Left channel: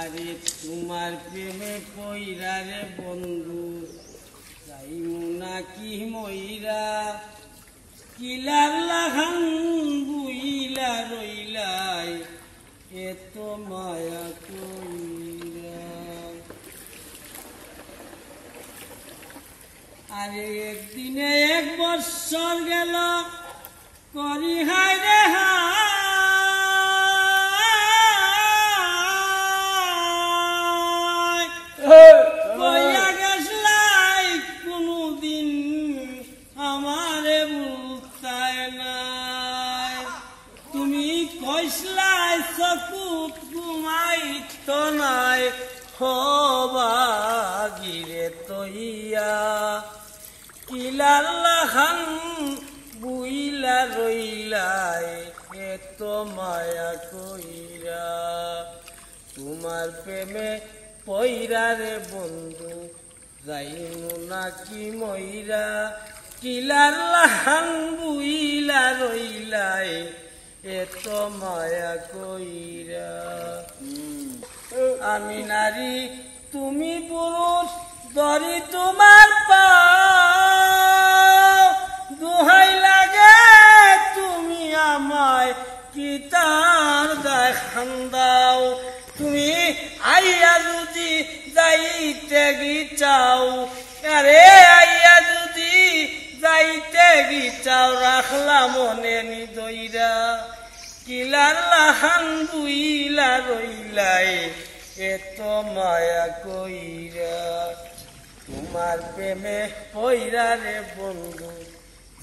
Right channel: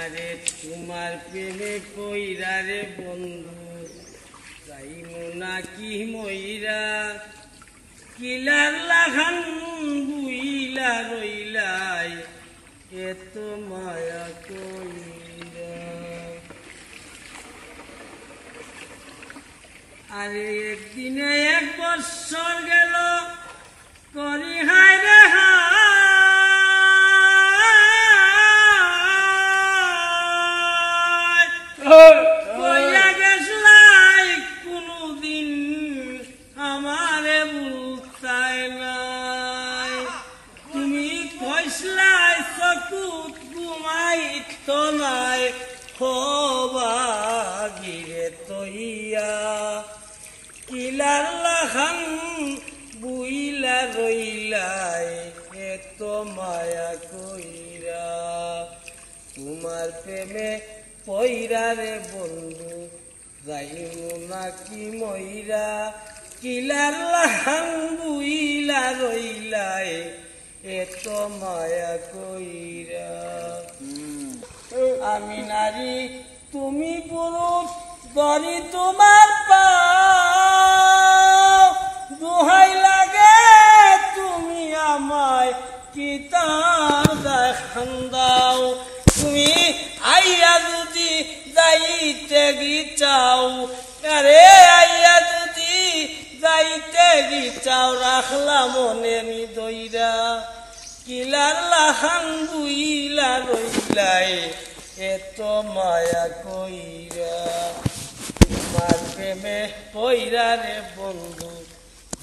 আরে তোমার প্রেমে পইরা রে বন্ধু যাইমু নাকি মইরা কিলার লাখান বুইলা রইলাই এত মায়া কইরা। আরে একদিনে 1 বৎসর গেল করি হায় রে কইয়া গেছলাই কোনদিন আমারে বুঝতাই নাই। তুমি কইসলাই চকুত ঘুমাইত নাই হবাগিরে তইয়া কিলার লাখান বুইলা রইলাই এত মায়া কইরা। তোমার প্রেমে পইরা রে বন্ধু যাইমু নাকি মইরা কিলার লাখান বুইলা রইলাই এত মায়া কইরা। আমি নারী তুমি পুরুষ ধরি তোমার পাও দোহাই লাগে তুমি আমায় কি তার দেখান দাও। তুমি আইয়া যদি যাইতে গিচাও আরে আইয়া যদি যাইতে গিচাও রাখলা মনে নিদইরা কিলার লাখান বুইলা রইলাই এত মায়া কইরা। তোমার প্রেমে পইরা রে বন্ধু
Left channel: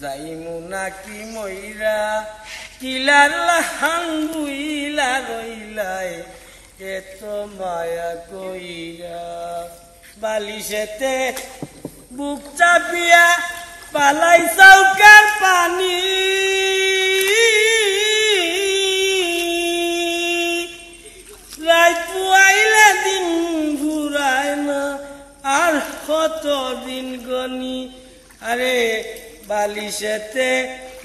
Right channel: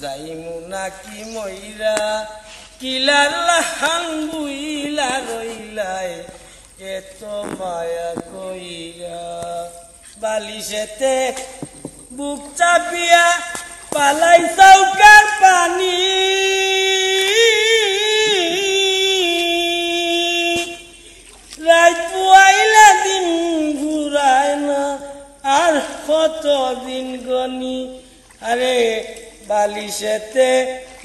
যাইমু নাকি মইরা কিলার লাখান বুইলা রইলাই এত মায়া কইরা। বালিশেতে বুক চাপিয়া পালাই চৌকার পানি রাত পুয়াইলে দিন ঘুরায় না আর কত দিন গনি। আরে বালিশেতে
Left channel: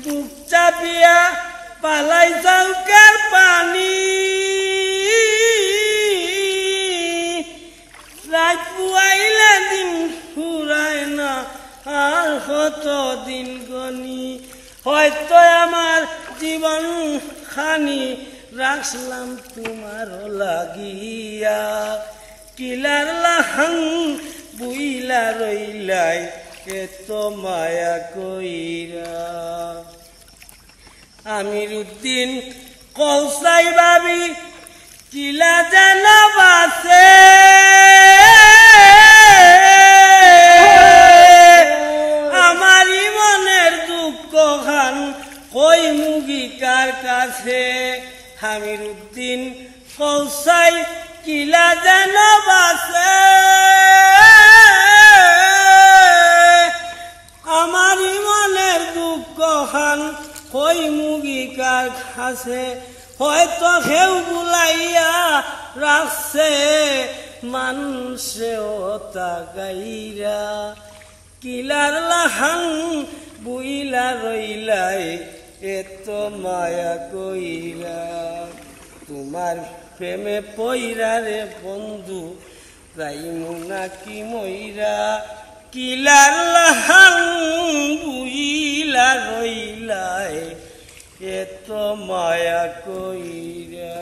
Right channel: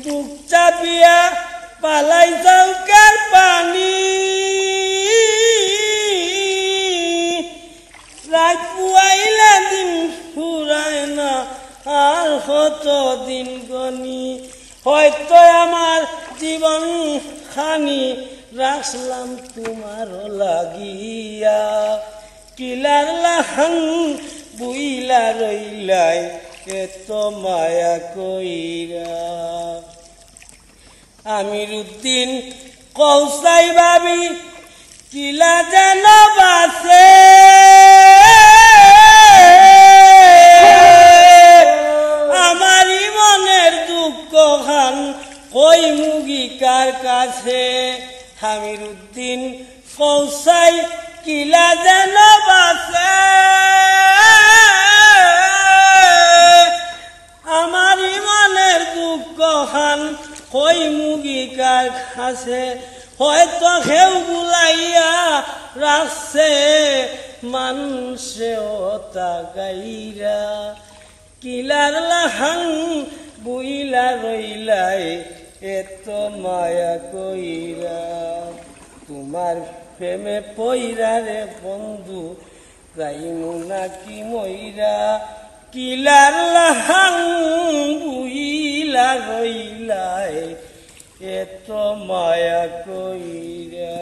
বুক চাপিয়া পালাই চৌকার পানি রাত পুয়াইলে দিন ঘুরায় না আর কত দিন গনি। হয়তো আমার জীবন খানি রাখলাম তোমার লাগিয়া কিলার লাখান বুইলা রইলাই এত মায়া কইরা। আমির উদ্দিন কৌসাই ভাবি কিলা যেন বাসে আমারই মনের দুঃখ খান কই মুগি কার কাছে। আমির উদ্দিন কৌসাই কিলা যেন বাসে আমারই মনের দুঃখ খান কই মুগি কার কাছে। হয়তো কেউ বুলাইয়া রাখছে মানুষেও তা গাইরা কিলার লাখান বুইলা রইলাই এত মায়া কইরা। তোমার প্রেমে পইরা রে বন্ধু যাইমু নাকি মইরা কিলার লাখান বুইলা রইলাই এত মায়া কইরা।